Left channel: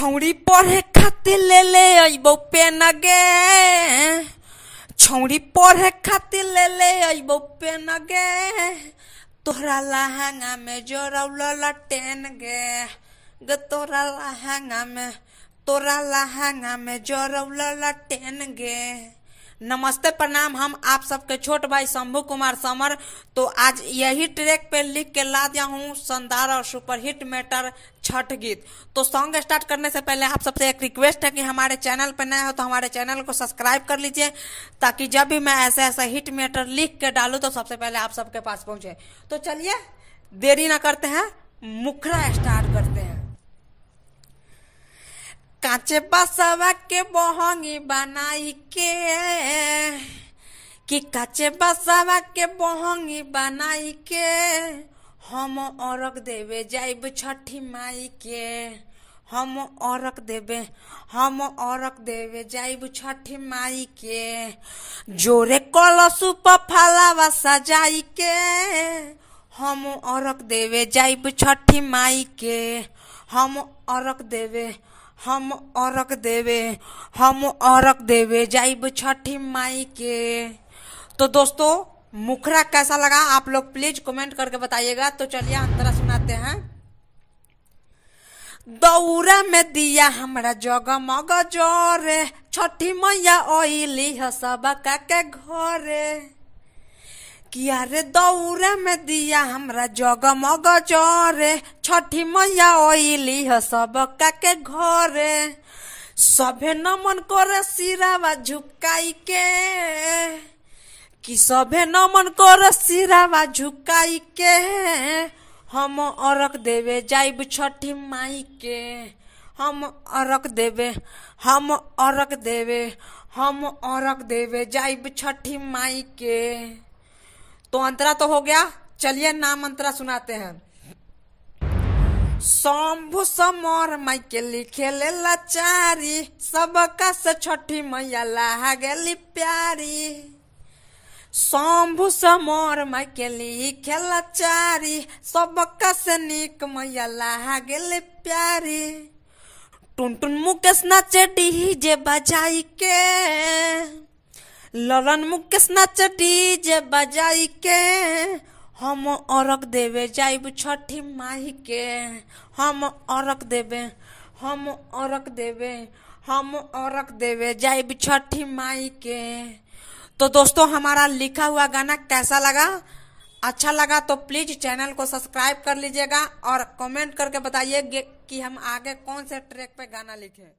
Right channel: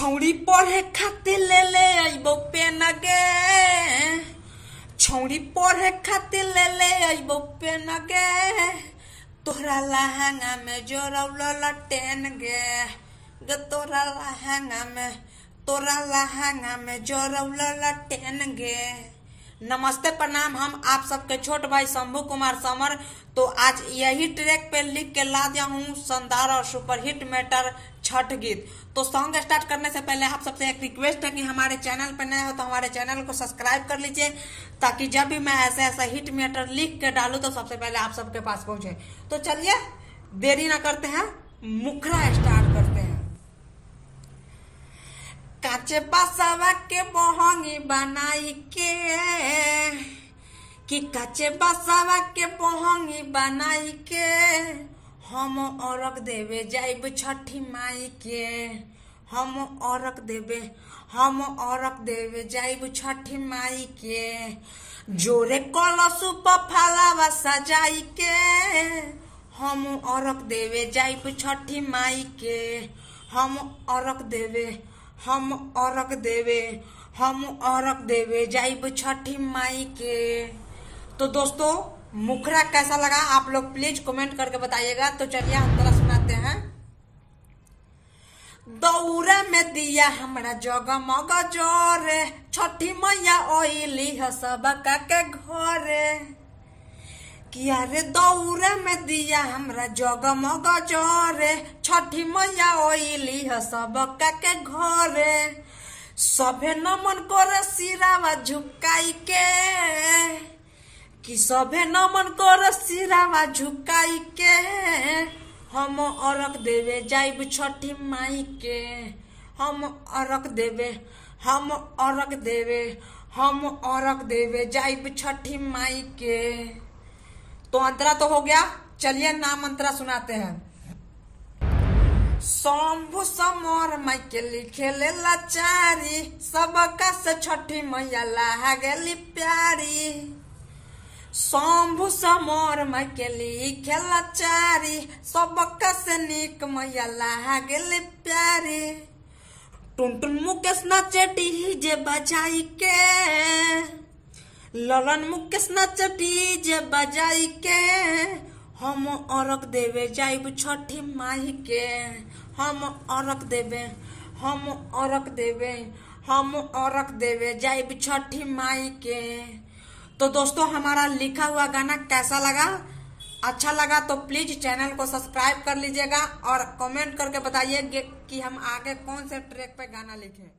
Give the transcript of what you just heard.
छौड़ी पढ़े खातिर ले ले अइबो पेन गे। छौड़ी पढ़े खातिर ले ले अइबो पेन गे। तोरा लहंगा में जोरौल टेन गे। तोरा लहंगा में जोरौल टेन गे। नमस्ते प्रणाम, हम आप सबके छोट भाई शंभू कुमार समर। तो आज यही ट्रैक पे लिख के ला दिया हूँ शानदार और सुपरहिट मैटर छठ गीत। तो सॉन्ग स्टार्ट करने से पहले आप सबसे एक रिक्वेस्ट है कि हमारे चैनल पर नए हो तो हमारे चैनल को सब्सक्राइब कर लीजिए, ताकि जब भी मैं ऐसे ऐसा हिट मैटर लिख के डालूं तो सबसे पहले आप सबके पास पहुंचे। तो चलिए देरी ना करते हैं, मुखरा स्टार्ट करते हैं। काचे बसवा के बहंगी बनाई के, कि काचे बसवा के बहंगी बनाई के, हम औरक देवे जाइब छठी माई के। हम औरक देवे जाइब छठी माई के। जोरे कलशु पर फलावा सजाई के, हम औरक देवे जाइब छठी माई के। हम औरक देवे जाइब छठी माई के। तो दोस्तों मुखरा कैसा लगा आप लोग प्लीज कमेंट करके बताइएगा। तो चलिए हम तरह सुनाते हैं। दौरा में दिया हमरा जगमग जोरे, छठी मैया ओइली ह सबका के घरे। किया रे दौरा में दिया हमरा जगमग जोरे, छठी मैया ओइली ह सबका के घरे। सभे नमन करे सिरावा झुकाई के, कि सभे नमन करे सिरावा झुकाई के। हम औरक देवे जाइब छठी माई के। हम औरक देवे जाइब छठी माई के। तो अंतरा तो हो गया, चलिए नाम अंतरा सुनाते हैं। शंभु समर माई के लिखे ले लाचारी, सबका से छठी मैया लागली प्यारी। शंभु समर माई के लिखे लाचारी, सबका से नीक मैया लागली प्यारी। टुनटुन मुकेश नाचे डीजे बजाई के, ललन मुकेश नाचे डीजे बजाई के। हम औरक देवे जाइब छठी माई के। हम औरक देवे जाइब छठी माई के। तो दोस्तों हमारा लिखा हुआ गाना कैसा लगा? अच्छा लगा तो प्लीज चैनल को सब्सक्राइब कर लीजिएगा और कमेंट करके बताइए कि हम आगे कौन से ट्रैक पे गाना लिखें।